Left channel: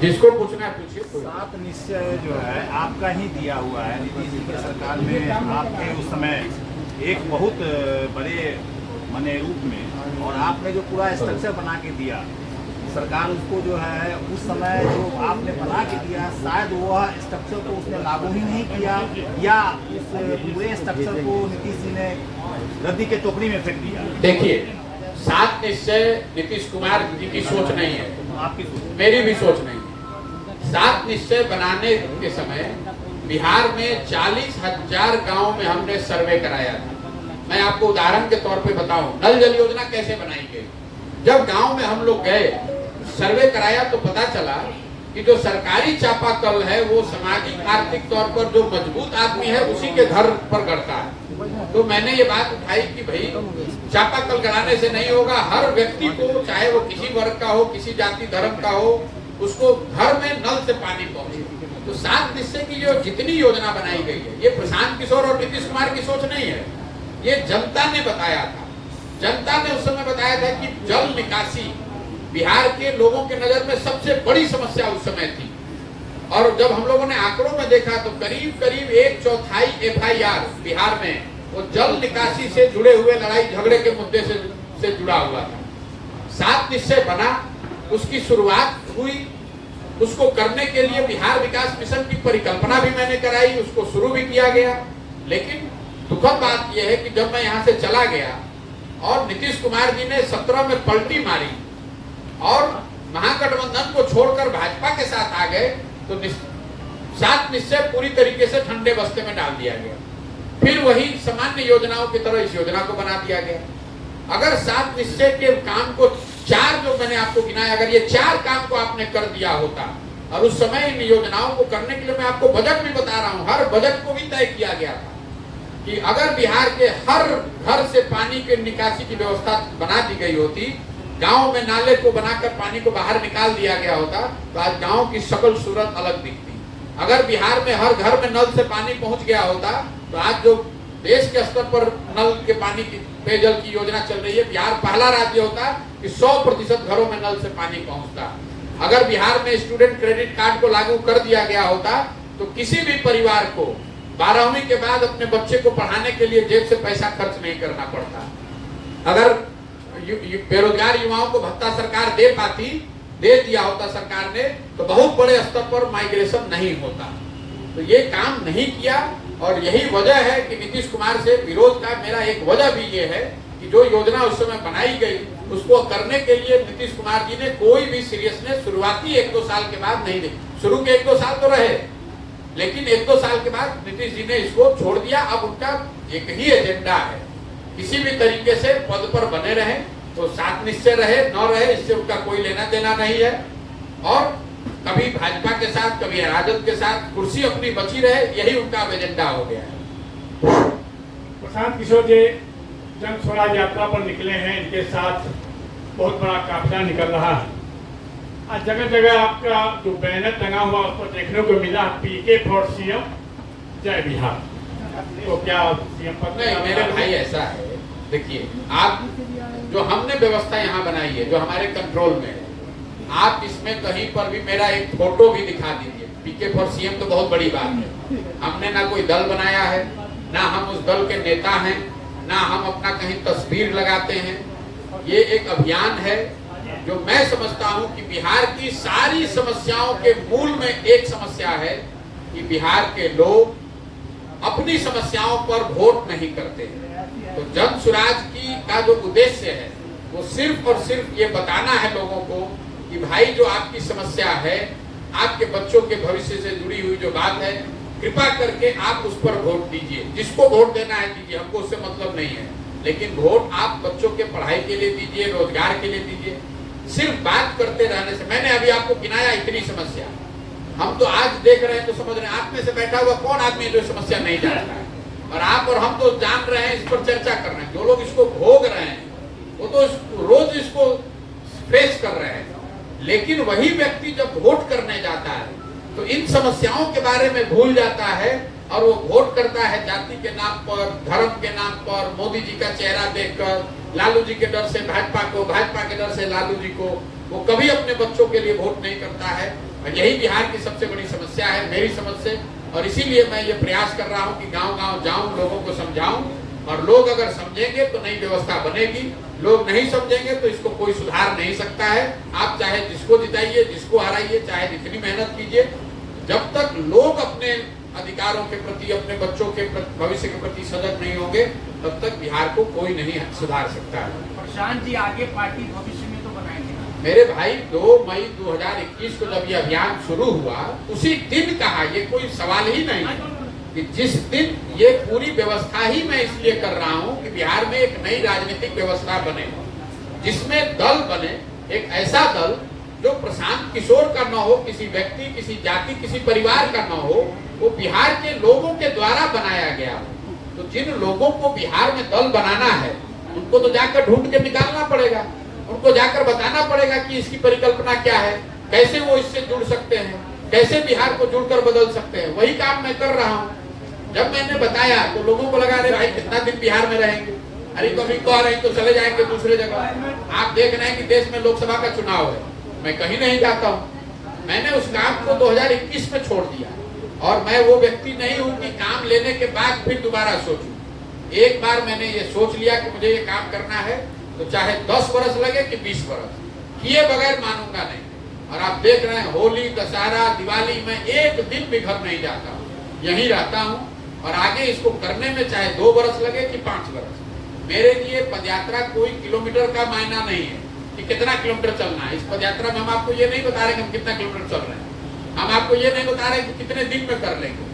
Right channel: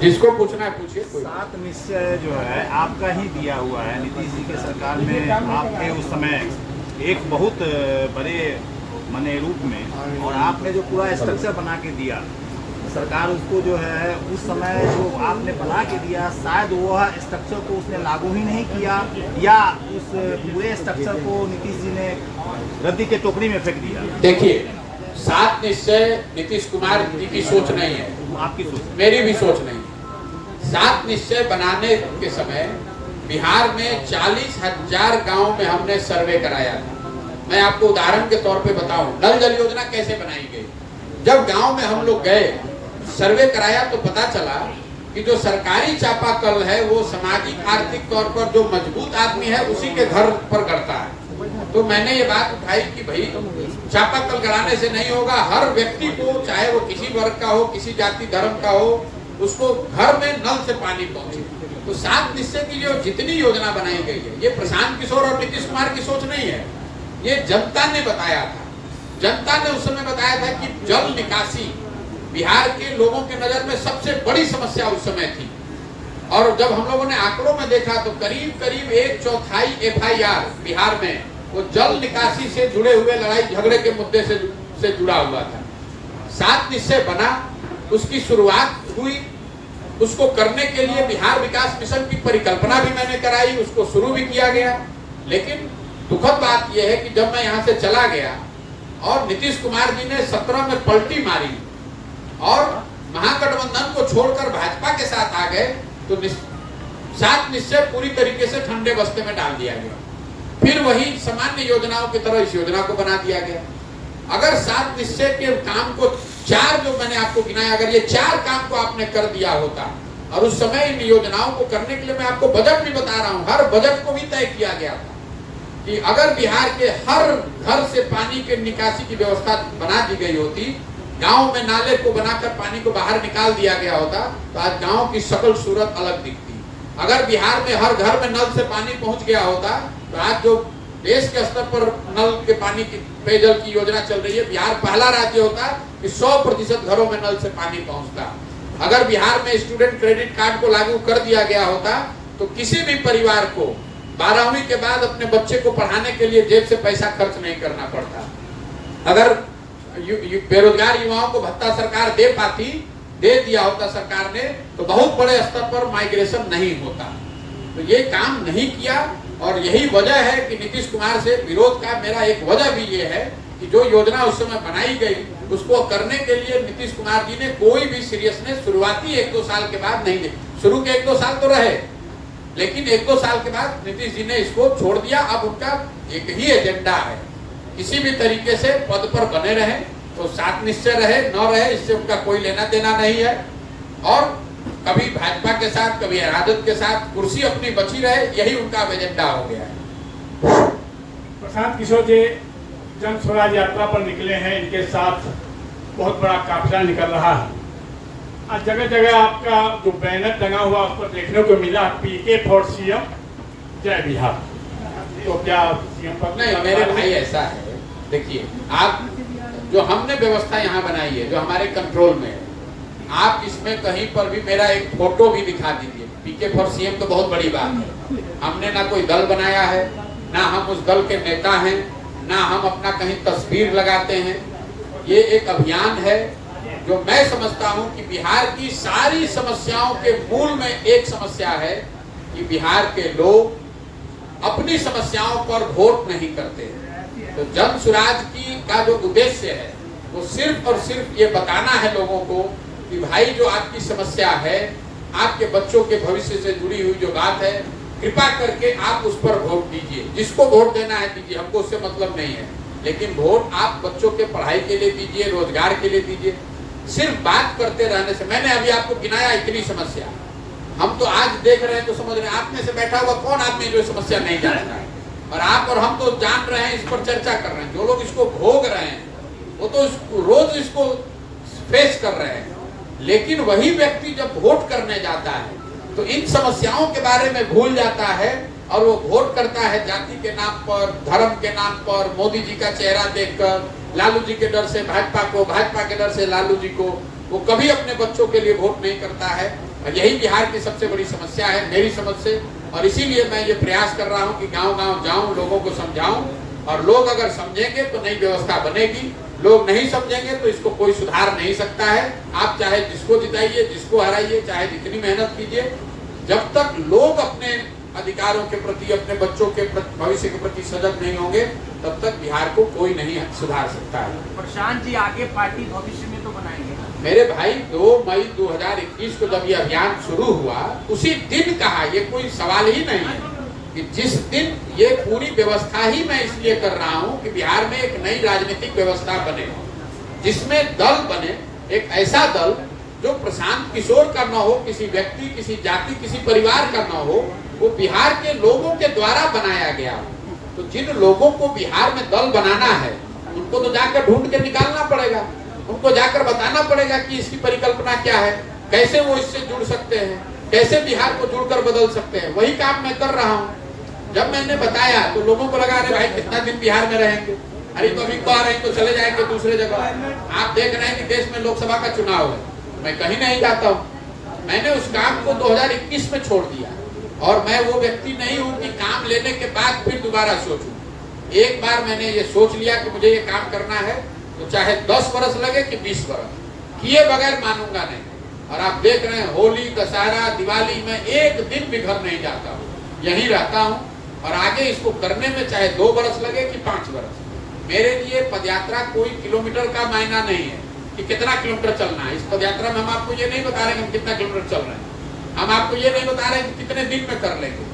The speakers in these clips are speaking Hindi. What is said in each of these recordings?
जिसको पूछना है पूछिए। 7 निश्चय जो है आपका ही दिया हुआ है, नीतीश जी की सरकार में आपके उस समय एक बहुत बड़े माने रूप में, और आपने जो पूरा स्ट्रक्चर बना के दिया सरकार उसको जो है उस समय जो आपने बना के दिया, शायद वह स्ट्रक्चर को उसने लागू ही नहीं किया, या उस पूरे स्ट्रक्चर को नीतीश जी ने रद्दी के टोकरी में फेंक दिया। देखिए, 7 निश्चय नीतीश कुमार जी की सोच नहीं है, आपकी सोच, मेरी भी सोच नहीं है। 7 निश्चय बनाने के समय बिहार में 40,000 गांव में हमने सर्वे कराया था। मैं आपको उदाहरण के तौर पे बताऊं, नल जल योजना कैसे बनाई गई। जब गांव में हम लोग गए, सर्वे कराया, तो पता चला कि जो सरकारी चापाकल है वो सामाजिक आर्थिक तौर पर जो मजबूत आदमी है उसी के घर पर गड़ता है। तो मैंने ये बात उठाई कि भाई चापाकल गड़ाने से नहीं होगा, हर व्यक्ति को, चाहे वो किसी वर्ग का हो, किसी जाति धर्म का हो, उसको घर में नल से पानी पहुंचे। तो 7 निश्चय की जो जितनी योजना बनाई गई है, ये प्रशांत किशोर और नीतीश कुमार की सोच नहीं है, ये जनता ने बताया था। जनता ने उस समय बताया था कि जल निकासी बिहार के लोगों के नजर में सबसे बड़ी समस्या उस समय थी। और जब हम लोगों ने आंकड़ों में देखा तो करीब करीब 1/4 FIR बिहार में वो जल निकासी से जुड़े हुए लड़ाई झगड़े के मुद्दे से जुड़ा हुआ था। 7 निश्चय बना, उसकी शुरुआत हुई, उसको करने के लिए बिहार विकास मिशन की परिकल्पना भी मैंने कराई, उसको शुरू भी किया गया। लेकिन दुखद बात यह है कि जब मैं यहाँ से चला गया और नीतीश कुमार जी ने 17 में पलटी मारी और महागठबंधन को छोड़कर भाजपा के साथ आ गए, तो 7 निश्चय पूरी तरीके से ठंडे बस्ते में डाल दिया गया। फिर वही सामान्य योजनाओं की तरह इस योजना को बना दिया गया। अगर 7 निश्चय के काम को 4 जो मैंने आपको गिनाया, अगर ये 4 काम को आपने कर दिया होता, और उस समय इन योजनाओं को करने के लिए मैं आपको बजट भी बता रहा हूँ, हर बजट को भी तय किया गया था कि अगर बिहार के हर घर से पानी के निकासी की व्यवस्था बना दी गई होती, गांव में नाले को बनाकर पानी को बाहर निकाल दिया गया होता, तो आज गांव की शकल सूरत अलग दिखती। अगर बिहार में हर घर में नल से पानी पहुंच गया होता, तो आज जो देश के स्तर पर नल के पानी की पेयजल की योजना चल रही है, बिहार पहला राज्य होता कि 100% घरों में नल से पानी पहुंचता। अगर बिहार में स्टूडेंट क्रेडिट कार्ड को लागू कर दिया गया होता, तो किसी भी परिवार को 12वीं के बाद अपने बच्चे को पढ़ाने के लिए जेब से पैसा खर्च नहीं करना पड़ता। अगर बेरोजगार युवाओं को भत्ता सरकार दे दिया होता सरकार ने, तो बहुत बड़े स्तर पर माइग्रेशन नहीं होता। तो ये काम नहीं किया, और यही वजह है कि नीतीश कुमार से विरोध का मेरा एक वजह भी ये है कि जो योजना उस समय बनाई गई उसको करने के लिए नीतीश कुमार जी ने कोई भी सीरियसनेस शुरुआती 1-2 साल के बाद नहीं दी। शुरू के 1-2 साल तो रहे, लेकिन 1-2 साल के बाद नीतीश जी ने इसको छोड़ दिया। अब उनका एक ही एजेंडा है, किसी भी तरीके से पद पर बने रहे, तो 7 निश्चय रहे न रहे इससे उनका कोई लेना देना नहीं है। और कभी भाजपा के साथ, कभी राजद के साथ कुर्सी अपनी बची रहे, यही उनका एजेंडा हो गया है। प्रशांत किशोर जी जन स्वराज यात्रा पर निकले हैं, इनके साथ बहुत बड़ा काफिला निकल रहा है। आज जगह जगह आपका जो बैनर टंगा हुआ उस पर देखने को मिला PK फॉर CM जय बिहार। तो क्या CM पर नहीं, मेरे भाई ऐसा है, देखिए आप जो हमने व्यवस्था यहाँ बनाई है, जो हमारे कंट्रोल में है, आप इसमें कहीं पर भी मेरा एक फोटो भी दिखा दीजिए। PK फॉर CM तो बहुत बड़ी बात है। हमने ना कोई दल बनाया है, ना हम उस दल के नेता हैं, ना हम अपना कहीं तस्वीर लगाते हैं। ये एक अभियान है जो मैं समझता हूं कि बिहार की सारी समस्याओं के मूल में एक समस्या है कि बिहार के लोग अपनी समस्याओं पर वोट नहीं करते। तो जन सुराज की का जो उद्देश्य है वो सिर्फ और सिर्फ ये बताना है लोगों को कि भाई जो आपकी समस्या है, आपके बच्चों के भविष्य से जुड़ी हुई जो बात है, कृपा करके आप उस पर वोट दीजिए। जिसको वोट देना है दीजिए, हमको उससे मतलब नहीं है, लेकिन वोट आप बच्चों के पढ़ाई के लिए दीजिए, रोजगार के लिए दीजिए। सिर्फ बात करते रहने से, मैंने अभी आपको गिनाया इतनी समस्या, हम तो आज देख रहे हैं तो समझ रहे हैं, आप में से बैठा हुआ कौन आदमी जो समस्या नहीं जानता है, और आप और हम तो जान रहे हैं, इस पर चर्चा कर रहे हैं। जो लोग इसको भोग रहे हैं वो तो रोज इसको फेस कर रहे हैं, लेकिन वही व्यक्ति जब वोट करने जाता है तो इन समस्याओं के बारे में भूल जाता है और वो वोट करता है जाति के नाम पर, धर्म के नाम पर, मोदी जी का चेहरा देखकर, लालू जी के डर से भाजपा को, भाजपा के डर से लालू जी को। वो कभी अपने बच्चों के लिए वोट नहीं करता है और यही बिहार की सबसे बड़ी समस्या है मेरी समझ से। और इसीलिए मैं ये प्रयास कर रहा हूँ कि गांव-गांव जाऊं, लोगों को समझाऊं, और लोग अगर समझेंगे तो नई व्यवस्था बनेगी, लोग नहीं समझेंगे तो इसको कोई सुधार नहीं सकता है। आप चाहे जिसको जिताइए, जिसको हराइए, चाहे जितनी मेहनत कीजिए, जब तक लोग अपने अधिकारों के प्रति, अपने बच्चों के भविष्य के प्रति सजग नहीं होंगे, तब तक बिहार को कोई नहीं सुधार सकता है। प्रशांत जी, आगे पार्टी भविष्य में तो बनाएंगे? मेरे भाई, 2 मई 2021 को जब ये अभियान शुरू हुआ, उसी दिन कहा, ये कोई सवाल ही नहीं कि जिस दिन ये पूरी व्यवस्था ही मैं इसलिए कर रहा हूँ कि बिहार में एक नई राजनीतिक व्यवस्था बने, जिसमें दल बने, एक ऐसा दल जो प्रशांत किशोर का न हो, किसी व्यक्ति, किसी जाति, किसी परिवार का न हो, वो बिहार के लोगों के द्वारा बनाया गया हो। तो जिन लोगों को बिहार में दल बनाना है, उनको तो जाकर ढूंढ के निकालना पड़ेगा, उनको जाकर बताना पड़ेगा कि इसकी परिकल्पना क्या है, कैसे वो इससे जुड़ सकते हैं, कैसे बिहार को जुड़कर बदल सकते हैं। वही काम मैं कर रहा हूँ। जब मैंने बताया तो लोगों को लगा, अरे भाई कितना दिन बिहार में रहेंगे, अरे तो अभी कह रहे तो चले जाएंगे दूसरे जगह। आप देख रहे हैं कि देश में लोकसभा का चुनाव है, मैं कहीं नहीं जाता हूँ। मैंने उस काम को 2021 में छोड़ दिया, और मैं वो व्यक्ति नहीं हूँ कि काम लेने के बाद फिर दोबारा सोचूं। एक बार मैंने ये सोच लिया कि मुझे ये काम करना है, तो चाहे 10 वर्ष लगे कि 20 वर्ष, किए बगैर मानूंगा नहीं। और आप देख रहे हैं, होली, दशहरा, दिवाली में एक दिन भी घर नहीं जाता हूँ, यहीं रहता हूँ। और आगे इसको करने में चाहे 2 वर्ष लगे कि 5 वर्ष, मेरे लिए पदयात्रा कोई किलोमीटर का मायना नहीं है कि कितना किलोमीटर चलना है। इस पदयात्रा में हम आपको ये नहीं बता रहे कि हम कितना किलोमीटर चल रहे हैं, हम आपको ये नहीं बता रहे कि कितने दिन में कर लेंगे।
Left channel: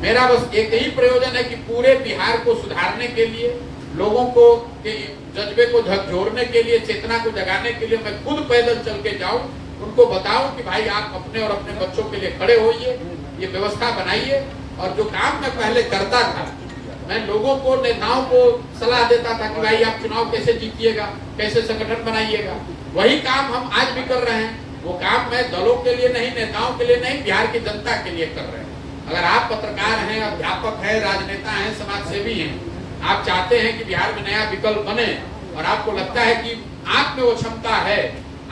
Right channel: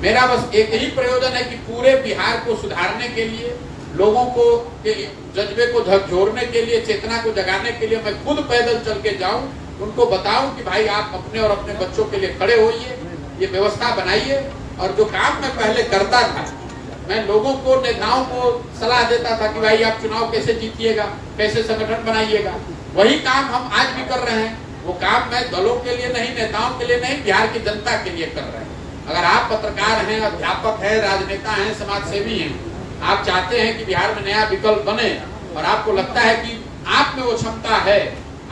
मेरा बस एक ही प्रयोजन है कि पूरे बिहार को सुधारने के लिए, लोगों को के जज्बे को झकझोरने के लिए, चेतना को जगाने के लिए मैं खुद पैदल चल के जाऊं, उनको बताऊं कि भाई आप अपने और अपने बच्चों के लिए खड़े होइए, ये व्यवस्था बनाइए। और जो काम मैं पहले करता था, मैं लोगों को, नेताओं को सलाह देता था कि भाई आप चुनाव कैसे जीतिएगा, कैसे संगठन बनाइएगा, वही काम हम आज भी कर रहे हैं। वो काम मैं दलों के लिए नहीं, नेताओं के लिए नहीं, बिहार की जनता के लिए कर रहे हैं। अगर आप पत्रकार हैं, अध्यापक हैं, राजनेता हैं, समाज सेवी हैं, आप चाहते हैं कि बिहार में नया विकल्प बने, और आपको लगता है कि आप में वो क्षमता है,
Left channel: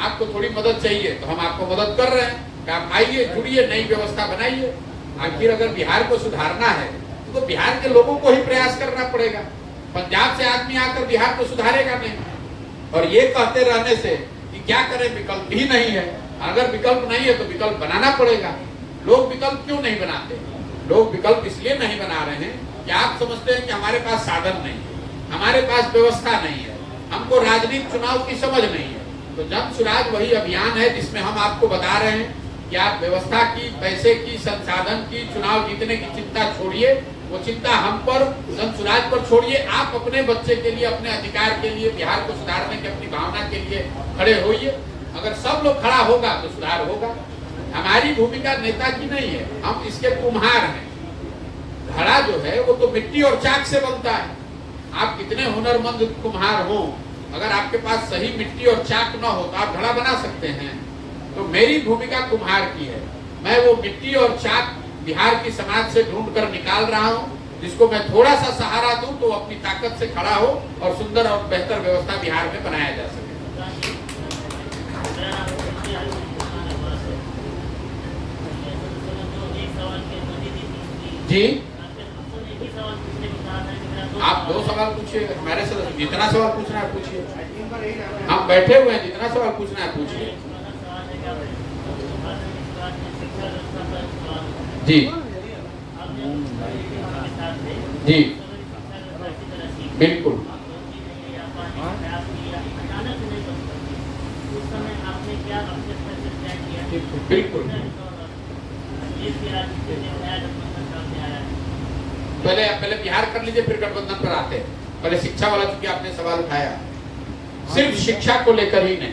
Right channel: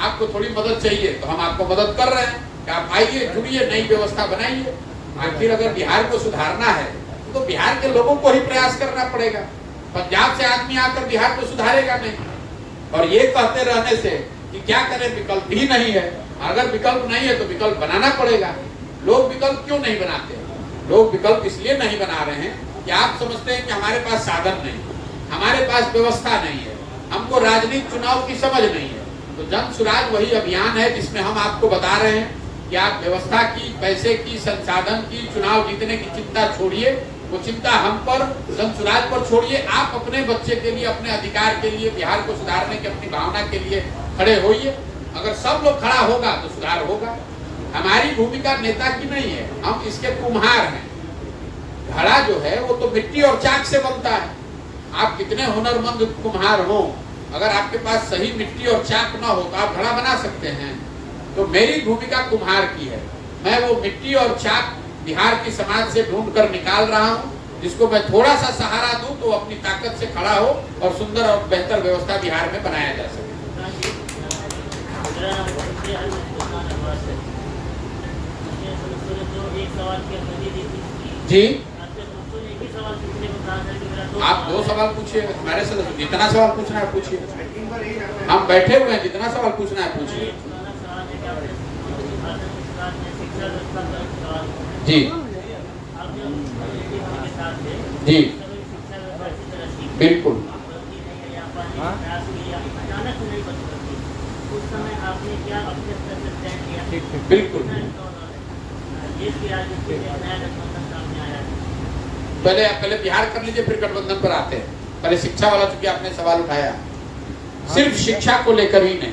आपको थोड़ी मदद चाहिए, तो हम आपको मदद कर रहे हैं। आप आइए, जुड़िए, नई व्यवस्था बनाइए। आखिर अगर बिहार को सुधारना है तो बिहार के लोगों को ही प्रयास करना पड़ेगा। पंजाब से आदमी आकर बिहार को सुधारेगा नहीं। और ये कहते रहने से कि क्या करें, विकल्प ही नहीं है। अगर विकल्प नहीं है तो विकल्प बनाना पड़ेगा। लोग विकल्प क्यों नहीं बनाते? लोग विकल्प इसलिए नहीं बना रहे हैं कि आप समझते हैं कि हमारे पास साधन नहीं, हमारे पास व्यवस्था नहीं है, हमको राजनीतिक चुनाव की समझ नहीं है। तो जन सुराज वही अभियान है जिसमें हम आपको बता रहे हैं कि आप व्यवस्था की, पैसे की, संसाधन की, चुनाव जीतने की चिंता छोड़िए, वो चिंता हम पर, जन सुराज पर छोड़िए। आप अपने बच्चे के लिए, अपने अधिकार के लिए, बिहार को सुधारने की अपनी भावना के लिए खड़े होइए। अगर सब लोग खड़ा होगा तो सुधार होगा। हमारी भूमिका नेता की नहीं है, हम इसके कुम्हार हैं। घड़ा जो है वो तो मिट्टी और चाक से बनता है। आप कितने हुनरमंद कुम्हार हो, अगर आपके पास सही मिट्टी और चाक न हो तो आप घड़ा बना सकते हैं। तो मेरी भूमिका कुम्हार की है। मैं वो मिट्टी और चाक बिहार की समाज से ढूंढ कर निकाल रहा हूँ, जिसको मैं थोड़ा सा सहारा दूं तो अपनी ताकत से खड़ा हो और सुंदर और बेहतर व्यवस्था बिहार में बनाया जा सके। जी, आप 2 सवाल पूछिए, हमारे से जितना सवाल पूछना है पूछिए। हम बैठे हुए हैं, जितना सवाल पूछना है पूछिए। जी जी बिल्कुल। बिल्कुल। पहले बिहार कर लीजिए, फिर गठबंधन पर आते हैं। पहले शिक्षा वाला, चूंकि आपने सवाल उठाया, सिर्फ शिक्षा को लेकर ही नहीं,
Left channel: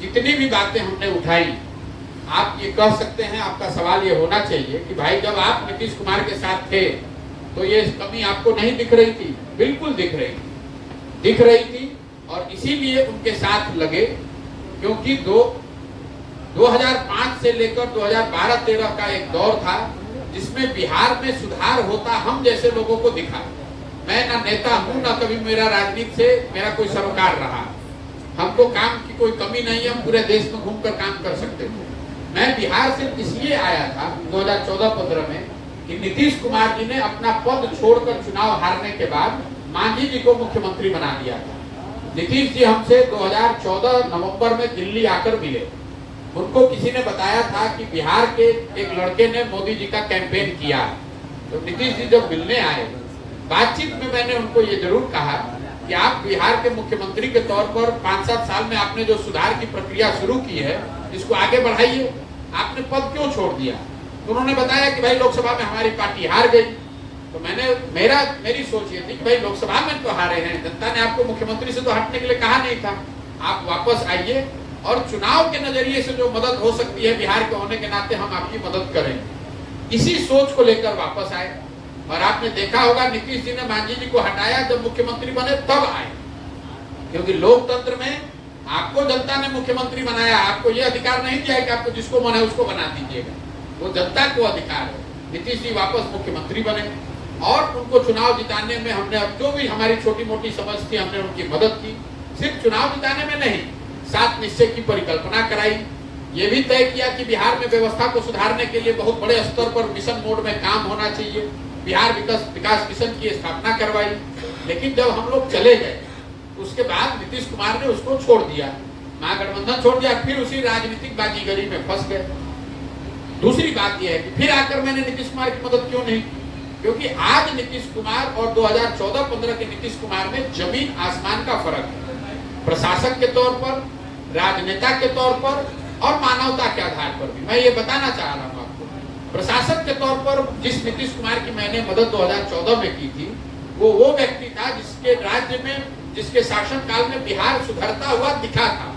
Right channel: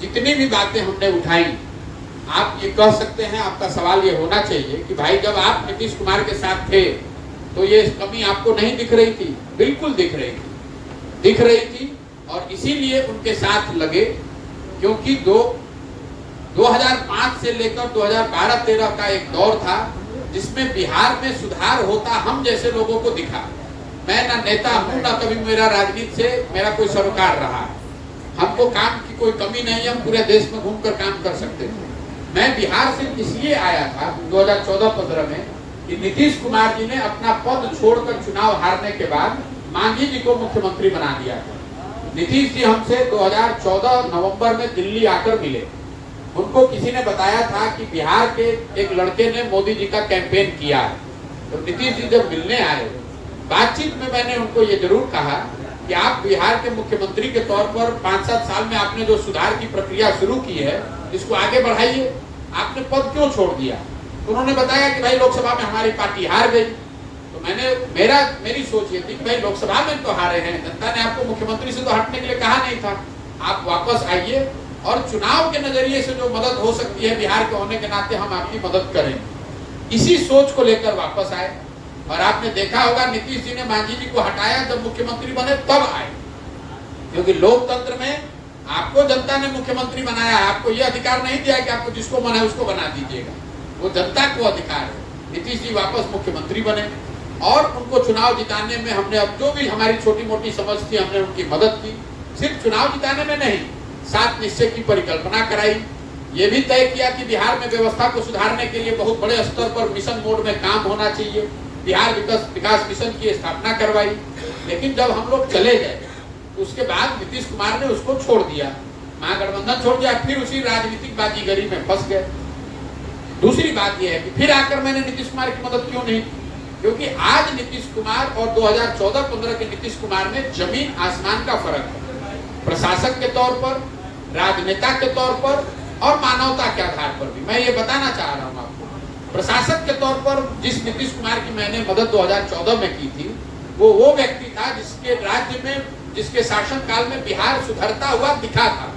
जितनी भी बातें हमने उठाई, आप ये कह सकते हैं, आपका सवाल ये होना चाहिए कि भाई जब आप नीतीश कुमार के साथ थे तो ये कमी आपको नहीं दिख रही थी? बिल्कुल दिख रही थी। और इसीलिए उनके साथ लगे, क्योंकि 2005 से लेकर 2012-13 का एक दौर था जिसमें बिहार में सुधार होता हम जैसे लोगों को दिखा। मैं ना नेता हूँ, ना कभी मेरा राजनीति से मेरा कोई सरोकार रहा। हमको काम की कोई कमी नहीं है, हम पूरे देश में घूमकर काम कर सकते थे। मैं बिहार से इसलिए आया था 2014-15 में कि नीतीश कुमार जी ने अपना पद छोड़कर चुनाव हारने के बाद मांझी जी को मुख्यमंत्री बना दिया था। नीतीश जी हमसे 2014 नवंबर में दिल्ली आकर मिले। उनको किसी ने बताया था कि बिहार के एक लड़के ने मोदी जी का कैंपेन किया। तो नीतीश जी जब मिलने आए, बातचीत में मैंने उनको ये जरूर कहा कि आप बिहार के मुख्यमंत्री के तौर पर 5-7 साल में आपने जो सुधार की प्रक्रिया शुरू की है, इसको आगे बढ़ाइए। आपने पद क्यों छोड़ दिया? तो उन्होंने बताया कि भाई लोकसभा में हमारी पार्टी हार गई। तो मेरी सोच ये थी कि भाई लोकसभा में तो हारे हैं, जनता ने आपको मुख्यमंत्री से तो हटने के लिए कहा नहीं था। आप वापस आइए और चुनाव के नजरिए से जो मदद हो सकती है बिहार के होने के नाते हम आपकी मदद करेंगे। इसी सोच को लेकर वापस आए। और आपने देखा होगा नीतीश जी ने मांझी जी को हटाया, जब मुख्यमंत्री बने तब आए, क्योंकि लोकतंत्र में आपको जनता ने मुख्यमंत्री बनाया है। आपको यह अधिकार नहीं दिया है कि आपको जिसको मन है उसको बना दीजिएगा, वो जनता को अधिकार है। नीतीश जी वापस मुख्यमंत्री बने और उनको चुनाव जिताने में हमने अब जो भी हमारी छोटी मोटी समझ थी हमने उनकी मदद की। सिर्फ चुनाव जिताने में नहीं, 7 निश्चय की परिकल्पना कराई। ये भी तय किया कि बिहार में व्यवस्था को सुधारने के लिए बहुत बड़े स्तर पर मिशन मोड में काम होना चाहिए। बिहार विकास मिशन की स्थापना करवाई। लेकिन जब हम लोग चले गए उसके बाद नीतीश कुमार ने उसको छोड़ दिया, महागठबंधन छोड़ दिया, फिर उसी राजनीतिक बाजीगरी में फंस गए। दूसरी बात यह है कि फिर आकर मैंने नीतीश कुमार की मदद क्यों नहीं की? क्योंकि आज नीतीश कुमार और 2014-15 के नीतीश कुमार में जमीन आसमान का फर्क है। प्रशासक के तौर पर, राजनेता के तौर पर और मानवता के आधार पर भी। मैं ये बताना चाह रहा हूँ आपको, प्रशासक के तौर पर जिस नीतीश कुमार की मैंने मदद 2014 में की थी, वो व्यक्ति था जिसके राज्य में, जिसके शासनकाल में बिहार सुधरता हुआ दिखा था।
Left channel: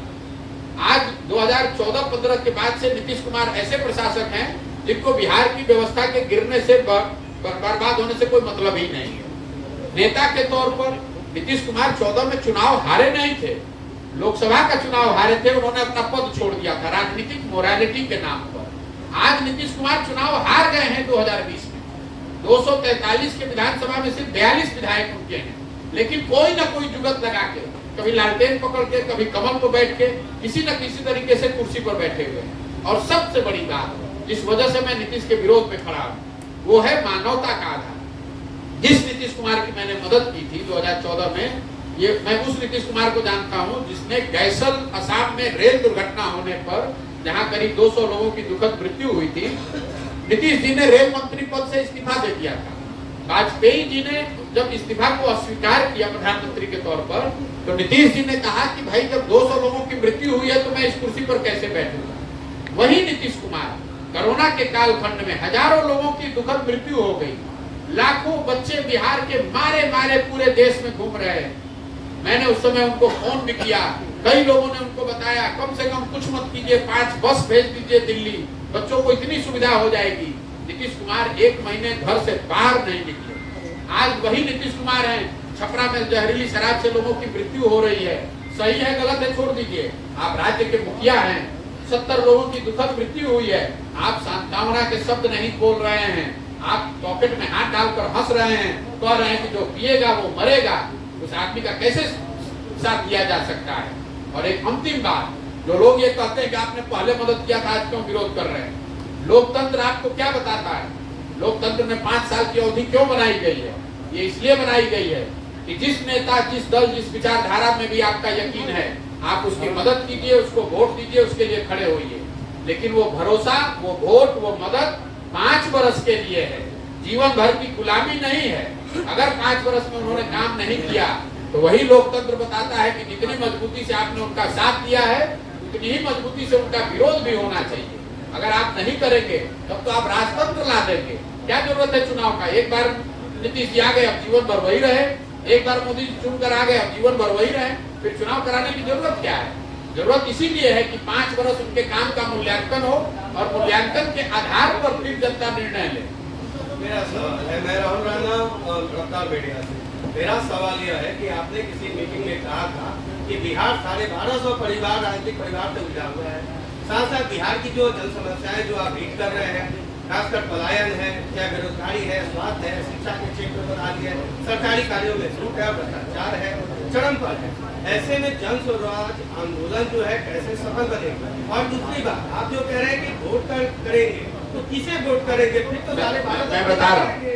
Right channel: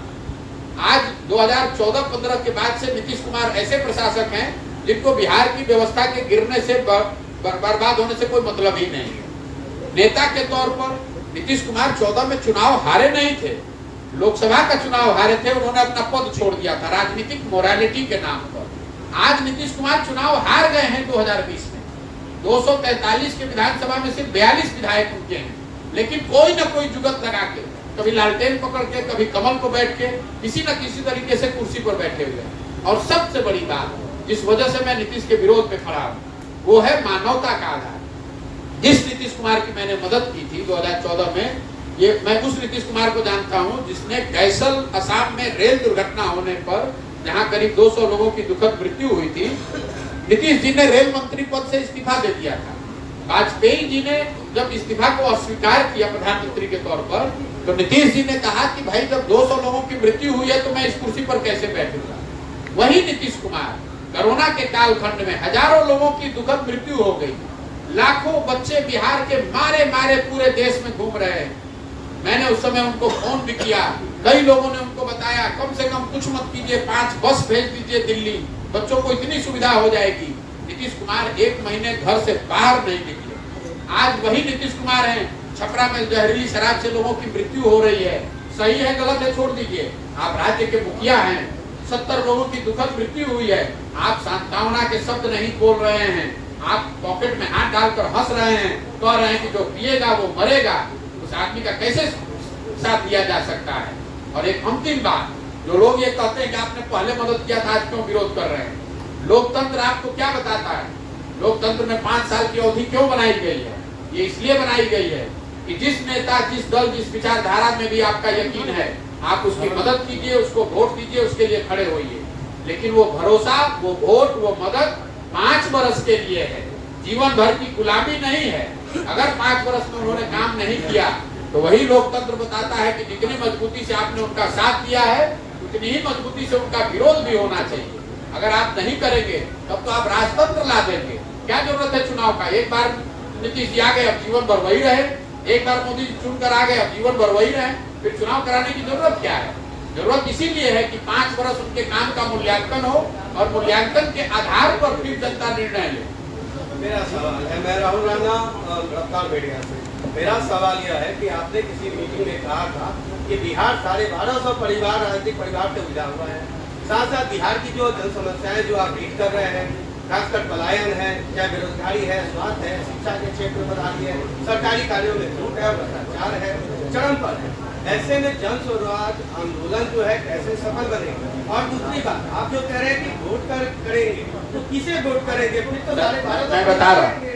आज 2014-15 के बाद से नीतीश कुमार ऐसे प्रशासक हैं जिनको बिहार की व्यवस्था के गिरने से बर्बाद होने से कोई मतलब ही नहीं है। नेता के तौर पर नीतीश कुमार 14 में चुनाव हारे नहीं थे, लोकसभा का चुनाव हारे थे। उन्होंने अपना पद छोड़ दिया था राजनीतिक मोरालिटी के नाम पर। आज नीतीश कुमार चुनाव हार गए हैं 2020 में। 243 के विधानसभा में सिर्फ 42 विधायक उनके हैं, लेकिन कोई ना कोई जुगत लगा के, कभी लालटेन पकड़ के, कभी कमल पर बैठ के, किसी न किसी तरीके से कुर्सी पर बैठे हुए। और सबसे बड़ी बात जिस वजह से मैं नीतीश के विरोध में खड़ा हूँ वो है मानवता का आधार। जिस नीतीश कुमार की मैंने मदद की थी 2014 में, ये मैं उस नीतीश कुमार को जानता हूं जिसने गैसल असम में रेल दुर्घटना होने पर जहां करीब 200 लोगों की दुखद मृत्यु हुई थी, नीतीश जी ने रेल मंत्री पद से इस्तीफा दे दिया था। वाजपेयी जी ने जब इस्तीफा को अस्वीकार किया प्रधानमंत्री के तौर पर, तो नीतीश जी ने कहा कि भाई जब 200 लोगों की मृत्यु हुई है तो मैं इस कुर्सी पर कैसे बैठूंगा। वही नीतीश कुमार कोरोना के कालखंड में हजारों लोगों की दुखद मृत्यु हो गई, लाखों बच्चे बिहार के मारे मारे पूरे देश में घूम रहे हैं। मैंने उस समय उनको फोन भी किया, कई लोगों ने उनको बताया कम से कम कुछ मत कीजिए, 5 बस भेज दीजिए दिल्ली, बच्चों को इतनी सुविधा हो जाएगी। नीतीश कुमार 1 महीने घर से बाहर नहीं निकले। आज वही नीतीश कुमार हैं, छपरा में जहरीली शराब से लोगों की मृत्यु हो रही है। सही है गलत है छोड़ दीजिए, आप राज्य के मुखिया हैं, 70 लोगों की दुखद मृत्यु हुई है, आप सांत्वना के शब्द नहीं बोल रहे हैं, आप पॉकेट में हाथ डालकर हंस रहे हैं, कह रहे हैं कि जो पिएगा वो मरेगा। उस आदमी का कैसे साथ दिया जा सकता है? और एक अंतिम बात, जो लोग ये कहते हैं कि आपने पहले मदद किया था आज क्यों विरोध कर रहे हैं, लोकतंत्र आपको क्या बताता है? लोकतंत्र में 5 साल की अवधि क्यों बनाई गई है? ये इसलिए बनाई गई है कि जिस नेता, जिस दल, जिस विचारधारा में भी आपका यकीन है, आप उसकी मदद कीजिए, उसको वोट दीजिए, उसके लिए खड़े होइए। लेकिन वो भरोसा, वो वोट, वो मदद 5 वर्ष के लिए है, जीवन भर की गुलामी नहीं है। अगर 5 वर्ष में उन्होंने काम नहीं किया तो वही लोकतंत्र बताता है कि जितनी मजबूती से आपने उनका साथ दिया है उतनी ही मजबूती से उनका विरोध भी होना चाहिए। अगर आप नहीं करेंगे तब तो आप राजतंत्र ला देंगे। क्या जरूरत है चुनाव का? एक बार नीतीश जी आ गए, अब जीवन भर वही रहे, एक बार मोदी जी चुनकर आ गए, अब जीवन भर वही रहे, फिर चुनाव कराने की जरूरत क्या है? जरूरत इसीलिए है कि 5 वर्ष उनके काम का मूल्यांकन हो और मूल्यांकन के आधार पर फिर जनता निर्णय ले। मेरा सवाल है, मैं राहुल राणा गिरफ्तार मीडिया से। मेरा सवाल यह है कि आपने किसी मीटिंग में कहा था कि बिहार 1250 परिवार राजनीतिक परिवार से उलझा हुआ है। साथ साथ बिहार की जो जन समस्याएं जो आप लीड कर रहे हैं, खासकर पलायन है, क्या बेरोजगारी है, स्वास्थ्य है, शिक्षा के क्षेत्र पर आ रही है, सरकारी कार्यों में छूट है, भ्रष्टाचार है, चरम पर है। ऐसे में जन स्वराज आंदोलन जो है कैसे सफल बनेगा? और दूसरी बात, आप जो कह रहे हैं कि वोट करेंगे, तो किसे वोट करेंगे? फिर तो सारे मैं बता रहा हूँ,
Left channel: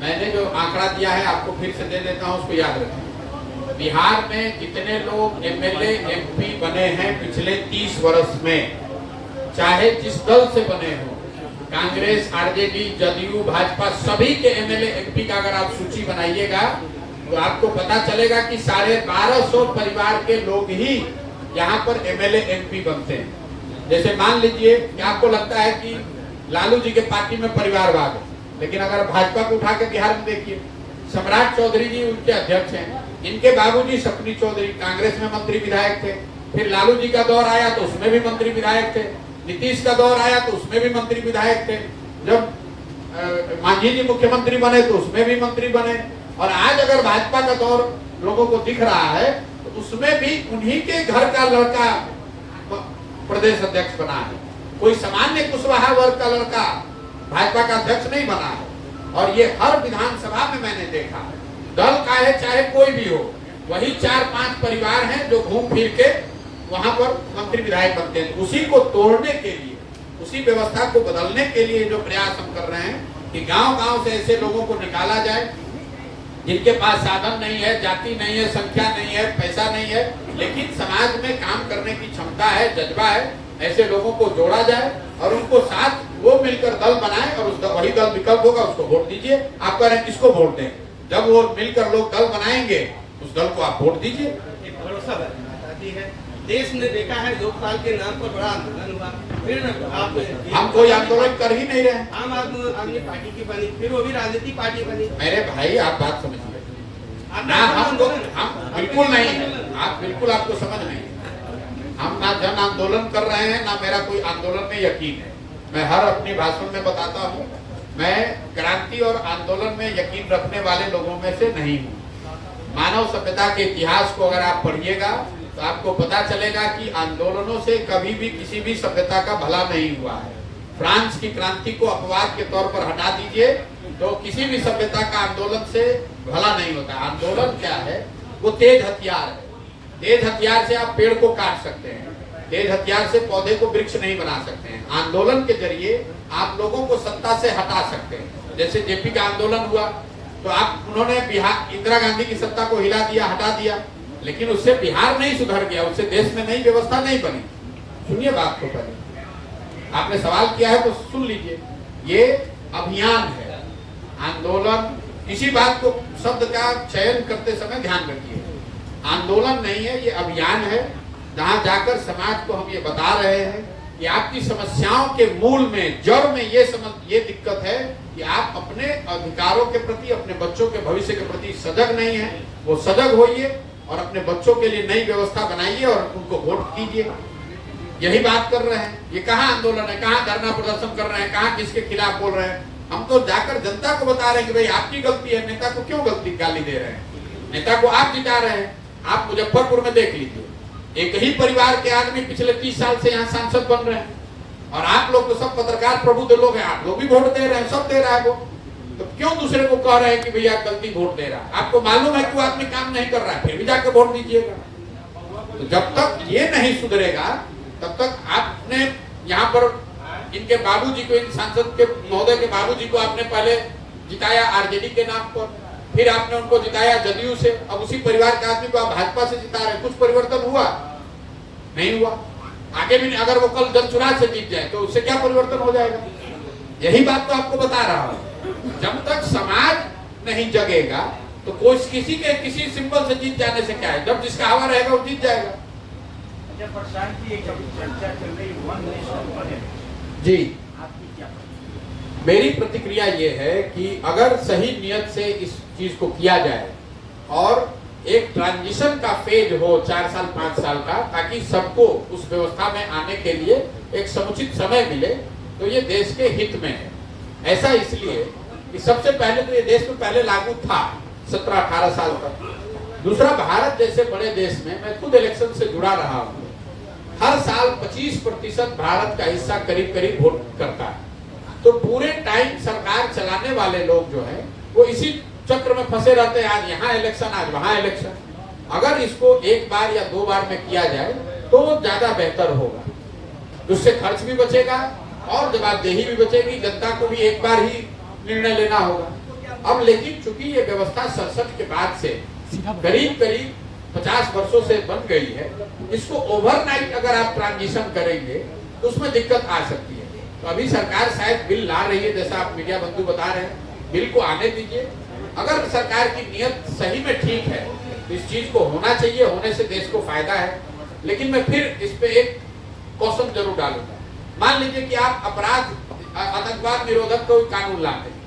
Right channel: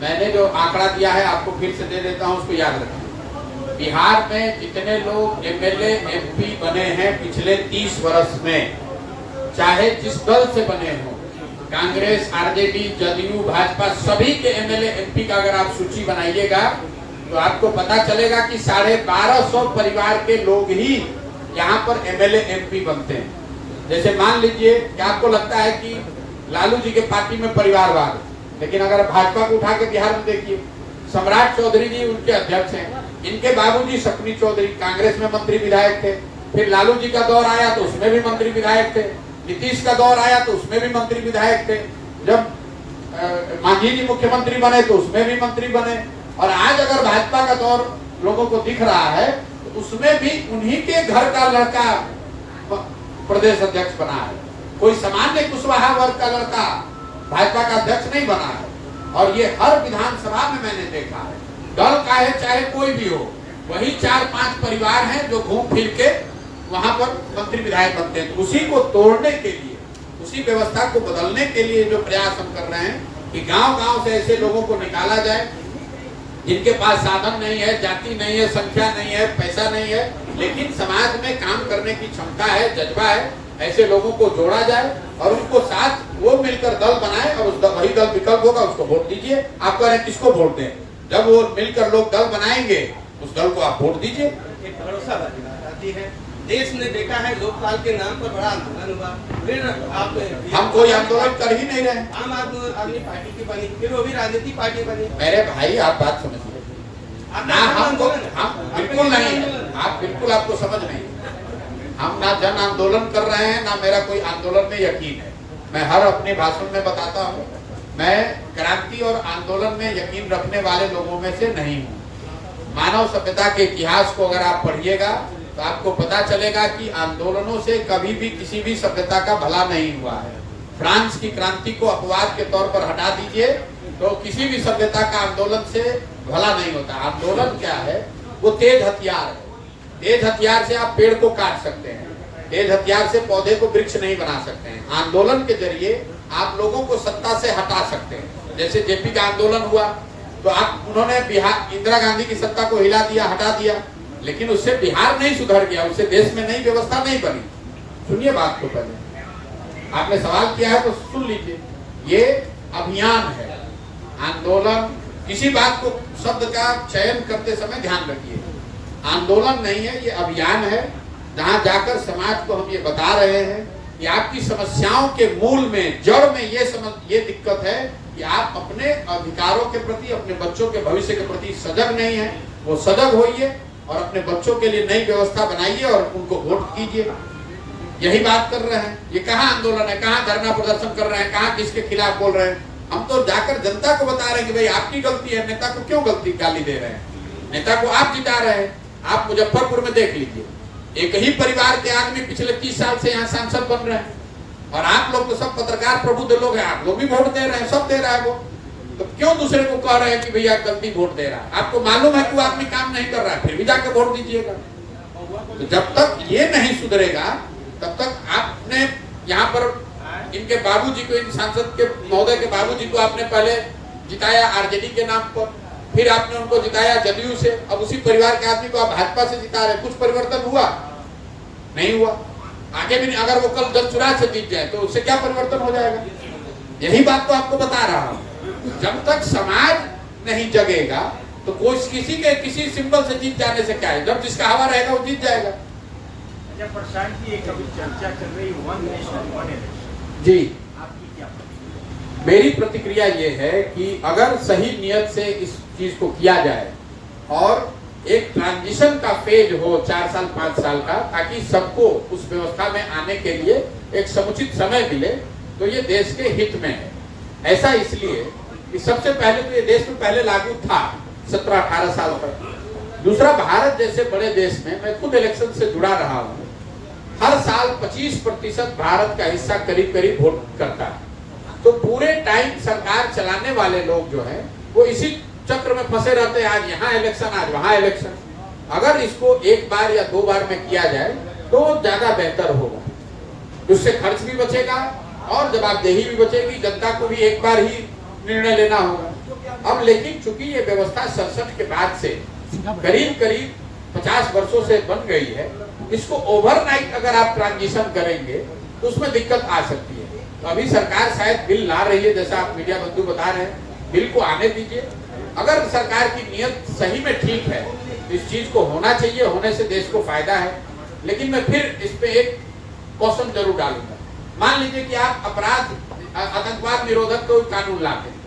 मैंने जो आंकड़ा दिया है आपको फिर से दे देता हूँ, उसको याद रखना। बिहार में जितने लोग एमएलए एमपी बने हैं पिछले 30 वर्ष में, चाहे जिस दल से बने हो, कांग्रेस, आरजेडी, जदयू, भाजपा, सभी के एमएलए एमपी का अगर आप सूची बनाइएगा तो आपको पता चलेगा कि 1250 परिवार के लोग ही यहाँ पर एमएलए एमपी बनते हैं। जैसे मान लीजिए कि आपको लगता है कि लालू जी के पार्टी में परिवारवाद है, लेकिन अगर भाजपा को उठा के बिहार में देखिए, सम्राट चौधरी जी उनके अध्यक्ष हैं, इनके बाबूजी सपनी चौधरी कांग्रेस में मंत्री विधायक थे, फिर लालू जी का दौर आया तो उसमें भी मंत्री विधायक थे, नीतीश का दौर आया तो उसमें भी मंत्री विधायक थे, जब मांझी जी मुख्यमंत्री बने तो उसमें भी मंत्री बने, और आज अगर भाजपा का दौर लोगों को दिख रहा है तो उसमें भी उन्हीं के घर का लड़का प्रदेश अध्यक्ष बना है। कोई सामान्य कुशवाहा वर्ग का लड़का भाजपा का अध्यक्ष नहीं बना है। और ये हर विधानसभा में मैंने देखा है, दल का है चाहे कोई भी हो, वही 4-5 परिवार हैं जो घूम फिर के वहां पर मंत्री विधायक बनते हैं। उसी को तोड़ने के लिए, उसी व्यवस्था को बदलने के लिए जो प्रयास हम कर रहे हैं कि गांव-गांव से ऐसे लोगों को निकाला जाए जिनके पास साधन नहीं है, जाति नहीं है, संख्या नहीं है, पैसा नहीं है, लेकिन समाज में काम करने की क्षमता है, जज्बा है, ऐसे लोगों को जोड़ा जाए और उनको साथ वो मिलकर दल बनाए और उसका वही दल विकल्प होगा, उसको वोट दीजिए। आप कह रहे हैं किसको वोट दें? जब वो मिलकर लोग दल बनाएंगे उस दल को आप वोट दीजिए। एक भरोसा वाली बात आती है, देश ने देखा है लोकपाल के नाम पर बड़ा आंदोलन हुआ, फिर आप हम कोई आंदोलन कर ही नहीं रहे। आम आदमी पार्टी की बनी, फिर वो भी राजनीति पार्टी बनी। मेरे भाई आप बात समझिए ना, हम बिल्कुल नहीं, आप बिल्कुल आपको समझ नहीं। हम ना जन आंदोलन कर रहे हैं, ना मेरा कोई आंदोलन में यकीन है। मैं हर अपनी भाषण में बताता हूँ, मैं क्रांति और आंदोलन में यकीन रखने वाले लोगों में से नहीं हूँ। मानव सभ्यता के इतिहास को अगर आप पढ़िएगा तो आपको पता चलेगा कि आंदोलनों से कभी भी किसी भी सभ्यता का भला नहीं हुआ है। फ्रांस की क्रांति को अपवाद के तौर पर हटा दीजिए तो किसी भी सभ्यता का आंदोलन से भला नहीं होता। आंदोलन क्या है? वो तेज हथियार है। तेज हथियार से आप पेड़ को काट सकते हैं, तेज हथियार से पौधे को वृक्ष नहीं बना सकते हैं। आंदोलन के जरिए आप लोगों को सत्ता से हटा सकते हैं। जैसे जेपी का आंदोलन हुआ तो आप उन्होंने बिहार इंदिरा गांधी की सत्ता को हिला दिया, हटा दिया, लेकिन उससे बिहार नहीं सुधर गया, उससे देश में नई व्यवस्था नहीं बनी। सुनिए बात को, पहले आपने सवाल किया है तो सुन लीजिए। ये अभियान है, आंदोलन। किसी बात को, शब्द का चयन करते समय ध्यान रखिए, आंदोलन नहीं है, ये अभियान है, जहां जाकर समाज को हम ये बता रहे हैं कि आपकी समस्याओं के मूल में, जड़ में ये दिक्कत है कि आप अपने अधिकारों के प्रति, अपने बच्चों के भविष्य के प्रति सजग नहीं है। वो सजग होइए और अपने बच्चों के लिए नई व्यवस्था बनाइए और उनको वोट कीजिए। यही बात कर रहे हैं। ये कहाँ आंदोलन है, कहाँ धरना प्रदर्शन कर रहे हैं, कहाँ किसके खिलाफ बोल रहे हैं? हम तो जाकर जनता को बता रहे हैं कि भाई आपकी गलती है। नेता को क्यों गलती गाली दे रहे हैं? नेता को आप जिता रहे हैं। आप मुजफ्फरपुर में देख लीजिए, एक ही परिवार के आदमी पिछले 30 साल से यहाँ सांसद बन रहे हैं, और आप लोग तो सब पत्रकार प्रबुद्ध लोग हैं, आप लोग भी वोट दे रहे हैं, सब दे रहा है वो, तो क्यों दूसरे को कह रहे हैं कि भैया गलती वोट दे रहा है? आपको मालूम है कि वो आदमी काम नहीं कर रहा है, फिर भी जाकर वोट दीजिएगा। तो जब तक ये नहीं सुधरेगा तब तक आपने यहाँ पर इनके बाबूजी को, इन सांसद के महोदय के बाबूजी को आपने पहले जिताया आरजेडी के नाम पर, फिर आपने उनको जिताया जदयू से, अब उसी परिवार के आदमी को आप भाजपा से जिता रहे। कुछ परिवर्तन हुआ? नहीं हुआ। आगे भी अगर वो कल जनसुराज से जीत जाए तो उससे क्या परिवर्तन हो जाएगा? यही बात तो आपको बता रहा हूँ। जब तक समाज नहीं जगेगा तो कोई किसी सिंबल से जीत जाने से क्या है? जब जिसका हवा रहेगा वो जीत जाएगा। प्रशांत की एक अभी चर्चा चल रही वन नेशन वन इलेक्शन, जी, आपकी क्या प्रतिक्रिया? मेरी प्रतिक्रिया ये है कि अगर सही नियत से इस चीज को किया जाए और एक ट्रांजिशन का फेज हो 4 साल 5 साल का, ताकि सबको उस व्यवस्था में आने के लिए एक समुचित समय मिले, तो ये देश के हित में है। ऐसा इसलिए कि सबसे पहले तो ये देश में पहले लागू था 17-18 साल तक। दूसरा, भारत जैसे बड़े देश में, मैं खुद इलेक्शन से जुड़ा रहा हूँ, हर साल 25% भारत का हिस्सा करीब करीब वोट करता है। तो पूरे टाइम सरकार चलाने वाले लोग जो है वो इसी चक्र में फंसे रहते हैं, आज यहाँ इलेक्शन, आज वहाँ इलेक्शन। अगर इसको एक बार या 2 बार में किया जाए तो ज्यादा बेहतर होगा, उससे खर्च भी बचेगा और जवाबदेही भी बचेगी। जनता को भी एक बार ही निर्णय लेना होगा। अब लेकिन चूंकि ये व्यवस्था 67 के बाद से करीब 50 वर्षों से बन गई है, इसको ओवरनाइट अगर आप ट्रांजिशन करेंगे तो उसमें दिक्कत आ सकती है। तो अभी सरकार शायद बिल ला रही है, जैसा आप मीडिया बंधु बता रहे हैं, बिल को आने दीजिए। अगर सरकार की नियत सही में ठीक है तो इस चीज को होना चाहिए, होने से देश को फायदा है। लेकिन मैं फिर इस पे एक क्वेश्चन जरूर डालूंगा। मान लीजिए कि आप अपराध आतंकवाद निरोधक कोई कानून लाते हैं,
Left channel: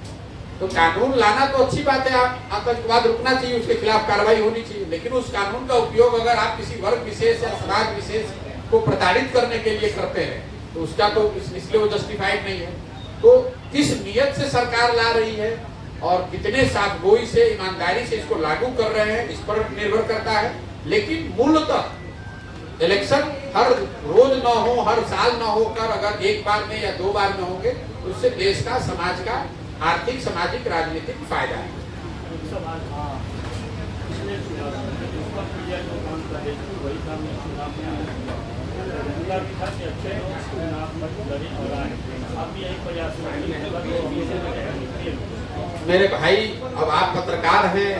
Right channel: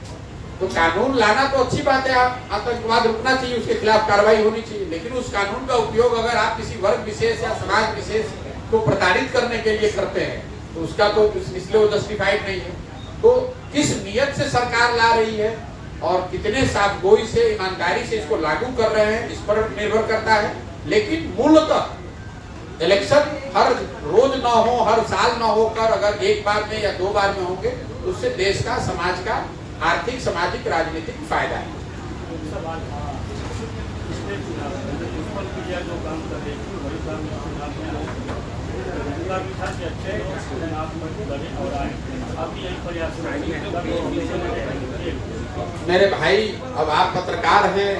तो कानून लाना तो अच्छी बात है, आतंकवाद रुकना चाहिए, उसके खिलाफ कार्रवाई होनी चाहिए। लेकिन उस कानून का उपयोग अगर आप किसी वर्ग विशेष या समाज विशेष को प्रताड़ित करने के लिए करते हैं तो उसका तो इसलिए वो जस्टिफाइड नहीं है। तो किस नियत से सरकार ला रही है और कितने साफगोई से, ईमानदारी से इसको लागू कर रहे हैं, इस पर निर्भर करता है। लेकिन मूलतः इलेक्शन हर रोज ना हो, हर साल ना होकर अगर एक बार में या 2 बार में होंगे तो उससे देश का, समाज का आर्थिक, सामाजिक, राजनीतिक फायदा है। मेरे भाई, अब आप पत्रकार हैं,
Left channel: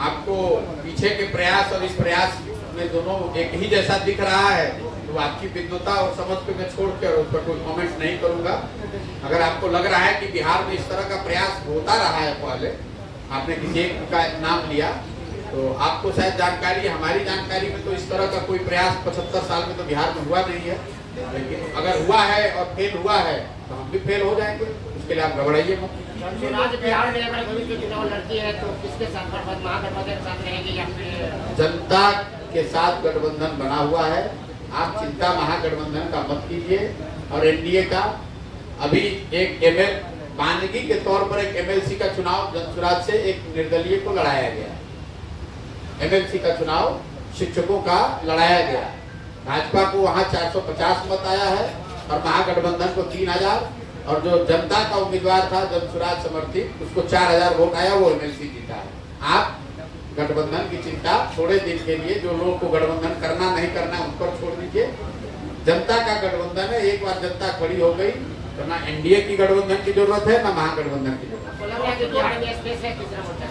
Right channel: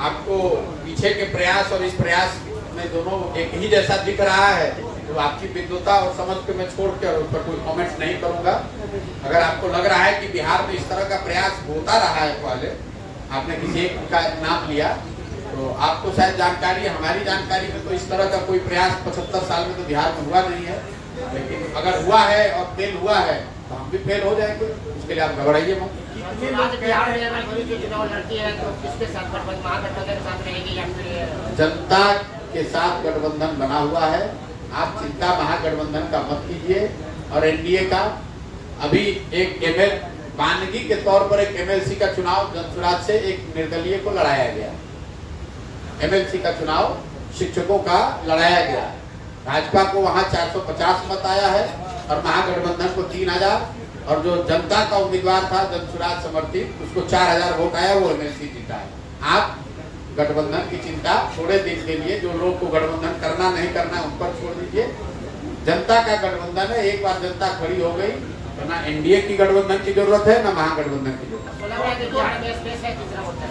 आपको पीछे के प्रयास और इस प्रयास में दोनों एक ही जैसा दिख रहा है, तो आपकी विद्वता और समझ को मैं छोड़कर उस पर कोई कमेंट नहीं करूंगा। अगर आपको लग रहा है कि बिहार में इस तरह का प्रयास होता रहा है, पहले आपने किसी एक का नाम लिया तो आपको शायद जानकारी, हमारी जानकारी में तो इस तरह का कोई प्रयास 75 साल में तो बिहार में हुआ नहीं है। लेकिन अगर हुआ है और फेल हुआ है तो हम भी फेल हो जाएंगे, उसके लिए आप घबराइए मत। जनता के साथ गठबंधन बना हुआ है, आप चिंता महागठबंधन का मत कीजिए। और एनडीए का अभी एक मानगी के तौर पर एक एमएलसी का चुनाव जनसुराज से एक निर्दलीय को लड़ाया गया। एमएलसी का चुनाव शिक्षकों का लड़ाया गया, भाजपा को वहां 450 मत आया है और महागठबंधन को 3000, और जो जनता का उम्मीदवार था जनसुराज समर्थित, उसको 4000 वोट आया, वो एमएलसी जीता है। आप गठबंधन की चिंता थोड़े दिन के लिए, जो लोग को गठबंधन करना नहीं करना उन पर छोड़ दीजिए। जनता का गठबंधन है, एक बार जनता खड़ी हो गई तो ना एनडीए की गठबंधन की जरूरत है ना महागठबंधन की जरूरत है।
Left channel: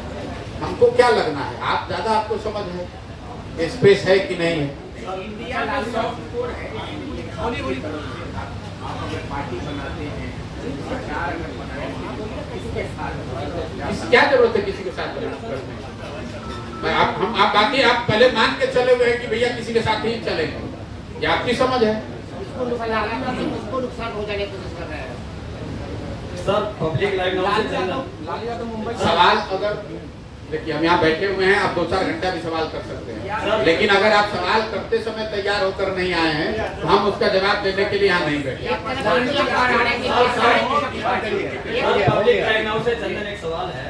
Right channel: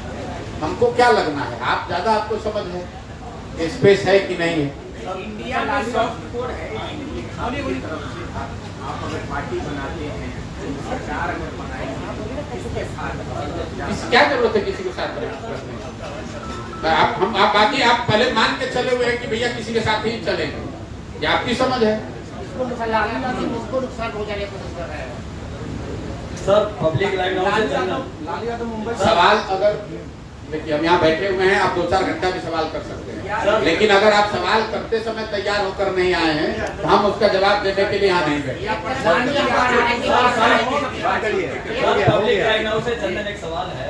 हमको क्या लगना है, आप ज्यादा आपको समझ है स्पेस है कि नहीं है। पार्टी बनाते हैं, सरकार में बनाएंगे, किसके साथ, क्या जरूरत है किसी के साथ आप बाकी आप पहले मान के चले हुए हैं कि भैया किसी के साथ ही चलेंगे, ये आपकी समझ है। उसको नुकसान हो जाने को सर पब्लिक सवाल अगर देखिए, हम यहाँ बैठे हुए हैं, आप 2-4 घंटा भी सवाल कर सकते हैं, लेकिन अगर आप सवाल करते समय तैयार होकर नहीं आए हैं तो हम उसका जवाब देने के लिए यहाँ नहीं बैठे। चंदन, एक सवाल है,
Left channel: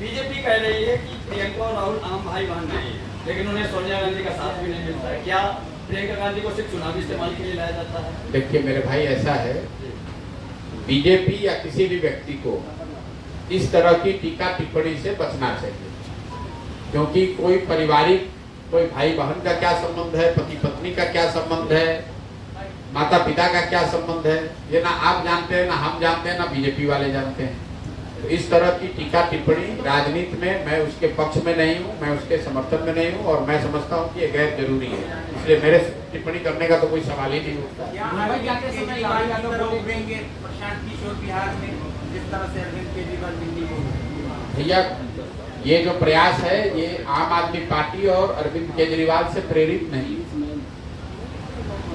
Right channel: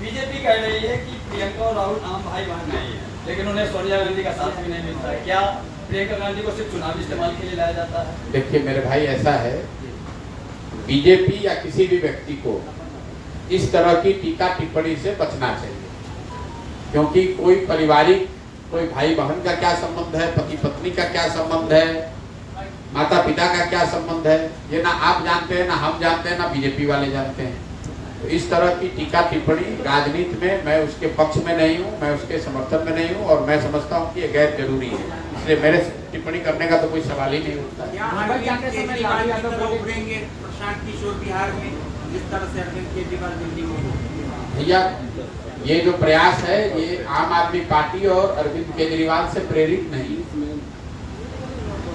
बीजेपी कह रही है कि प्रियंका और राहुल आम भाई बहन नहीं है, लेकिन उन्हें सोनिया गांधी का साथ भी नहीं मिलता है। क्या प्रियंका गांधी को सिर्फ चुनावी इस्तेमाल के लिए लाया जाता है? देखिए मेरे भाई, ऐसा है, बीजेपी या किसी भी व्यक्ति को इस तरह की टीका टिप्पणी से बचना चाहिए, क्योंकि कोई पारिवारिक, कोई भाई बहन का क्या संबंध है, पति पत्नी का क्या संबंध है, माता पिता का क्या संबंध है, ये ना आप जानते हैं, ना हम जानते हैं, ना बीजेपी वाले जानते हैं। तो इस तरह की टीका टिप्पणी राजनीति में मैं उसके पक्ष में नहीं हूँ, मैं उसके समर्थन में नहीं हूँ, और मैं समझता हूँ कि ये गैर जरूरी है, इसलिए मेरे टिप्पणी करने का तो कोई सवाल ही नहीं उठता। प्रशांत किशोर बिहार में जिस तरह से अरविंद केजरीवाल दिल्ली में, भैया ये जो प्रयास है ये आम आदमी पार्टी और अरविंद केजरीवाल से प्रेरित नहीं।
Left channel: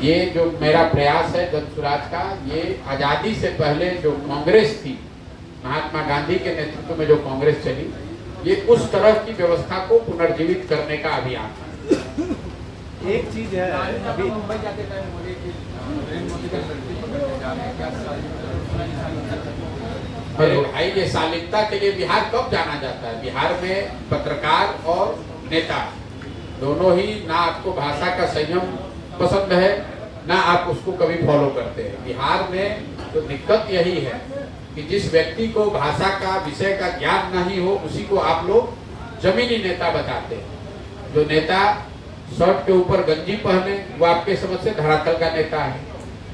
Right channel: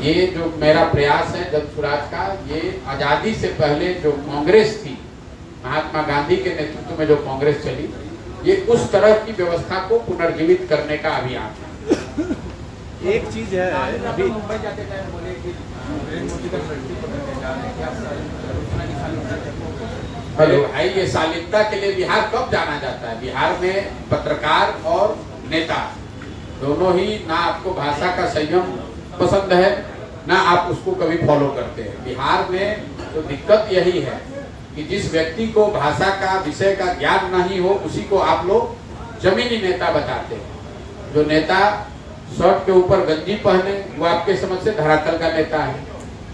ये जो मेरा प्रयास है जनसुराज का, ये आजादी से पहले जो कांग्रेस थी, महात्मा गांधी के नेतृत्व में जो कांग्रेस चली, ये उस तरह की व्यवस्था को पुनर्जीवित करने का अभियान है। एक चीज है, अभी मुंबई जाते टाइम बोले कि नरेंद्र मोदी का धरती पकड़ने जा रहे हैं, क्या अरे भाई, ये सालिकता के लिए बिहार कब जाना जाता है? बिहार में पत्रकार और नेता दोनों ही, ना आपको भाषा का संयम पसंद है, ना आप उसको कभी फॉलो करते हैं। बिहार में तो दिक्कत यही है कि जिस व्यक्ति को भाषा का, विषय का ज्ञान नहीं हो, उसी को आप लोग जमीनी नेता बताते हैं। जो नेता शर्ट के ऊपर गंजी पहने वो आपके समझ से धरातल का नेता है,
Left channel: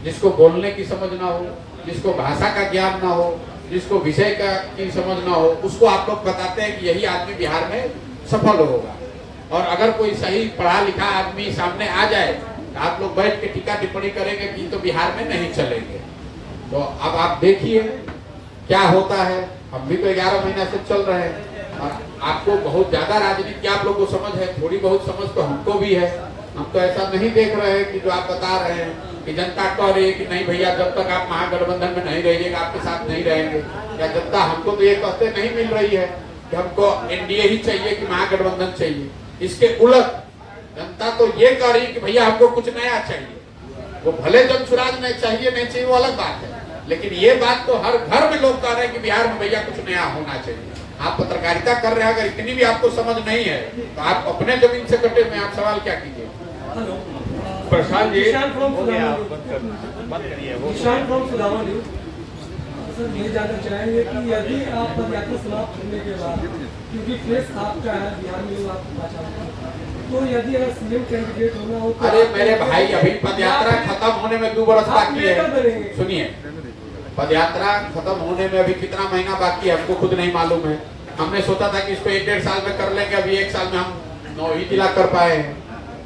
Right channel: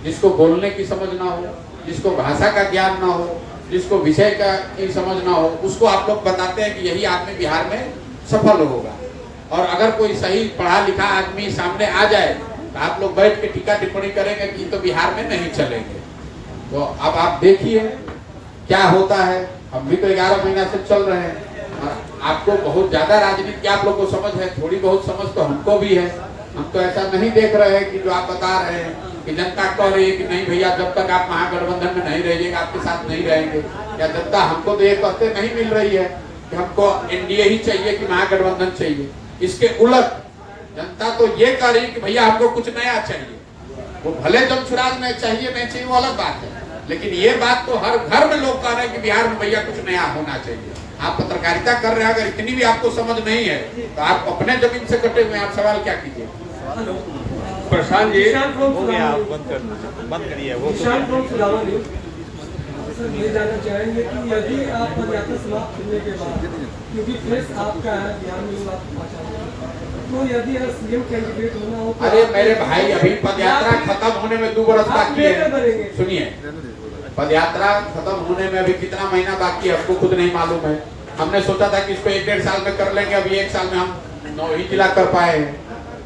जिसको बोलने की समझ ना हो, जिसको भाषा का ज्ञान ना हो, जिसको विषय का की समझ ना हो, उसको आप लोग बताते हैं कि यही आदमी बिहार में सफल होगा। और अगर कोई सही पढ़ा लिखा आदमी सामने आ जाए तो आप लोग बैठ के टीका टिप्पणी करेंगे कि तो बिहार में नहीं चलेंगे। तो अब आप देखिए क्या होता है। हम भी तो 11 महीना से चल रहे हैं और आपको बहुत ज्यादा राजनीति की आप लोग को समझ है, थोड़ी बहुत समझ तो हमको भी है। हम तो ऐसा नहीं देख रहे हैं कि जो आप बता रहे हैं कि जनता कह रही है कि नहीं भैया जब तक आप महागठबंधन में नहीं रहिएगा आपके साथ नहीं रहेंगे। या जनता हमको तो ये कहते नहीं मिल रही है कि हमको एनडीए ही चाहिए कि महागठबंधन चाहिए। इसके उलट जनता तो ये कह रही कि भैया हमको कुछ नया चाहिए। वो भले जनसुराज में चाहिए नहीं चाहिए वो अलग बात है, लेकिन ये बात तो हर घर में लोग कह रहे हैं कि बिहार में भैया कुछ नया होना चाहिए। आप पत्रकारिता कर रहे हैं, अगर इतनी भी आपको समझ नहीं है तो आप अपने जमीन से कटे हुए आप सवाल क्या कीजिए। प्रशांत जी हो गया, बंद करिए वो। सर ये जानना चाहेंगे कि यदि आप पदयात्रा समाप्त होने के बाद, क्योंकि प्रेस आपका है बिहार में लोग आपको पहचानते हैं, तो यदि सीएम कैंडिडेट होना हो तो अरे मेरे भाई अभी पदयात्रा खत्म होने में 2 बरस बाकी है। सुनिए, पदयात्रा खत्म होने में अभी कितना महीना बाकी है हमको खुद नहीं मालूम है। हमने सोचा था कि इसको 1-1.5 साल में कर लेंगे, अभी 1 साल में हम 9 ही जिला कर पाए हैं।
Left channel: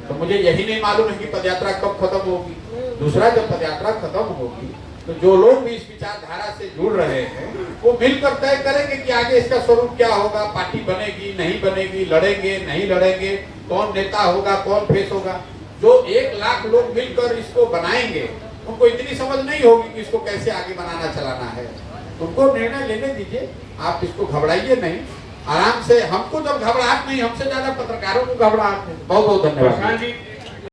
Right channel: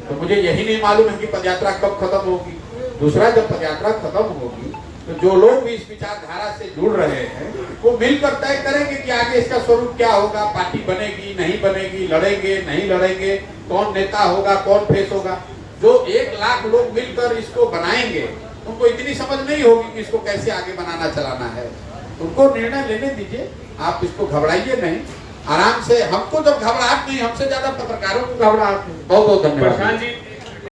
तो मुझे यही नहीं मालूम है कि पदयात्रा कब खत्म होगी। दूसरा, जब पदयात्रा खत्म होगी तो जो लोग भी इस विचारधारा से जुड़ रहे हैं वो मिलकर तय करेंगे कि आगे इसका स्वरूप क्या होगा, पार्टी बनेगी नहीं बनेगी, लड़ेंगे नहीं लड़ेंगे, कौन नेता होगा कौन फेस होगा। जो 1 लाख लोग मिलकर इसको बनाएंगे उनको इतनी समझ नहीं होगी कि इसको कैसे आगे बनाना चलाना है। उनको निर्णय लेने दीजिए, आप इसको घबराइए नहीं, आराम से। हमको जब घबराहट नहीं, हमसे ज्यादा पत्रकारों को घबराहट नहीं। बहुत बहुत धन्यवाद। प्रशांत जी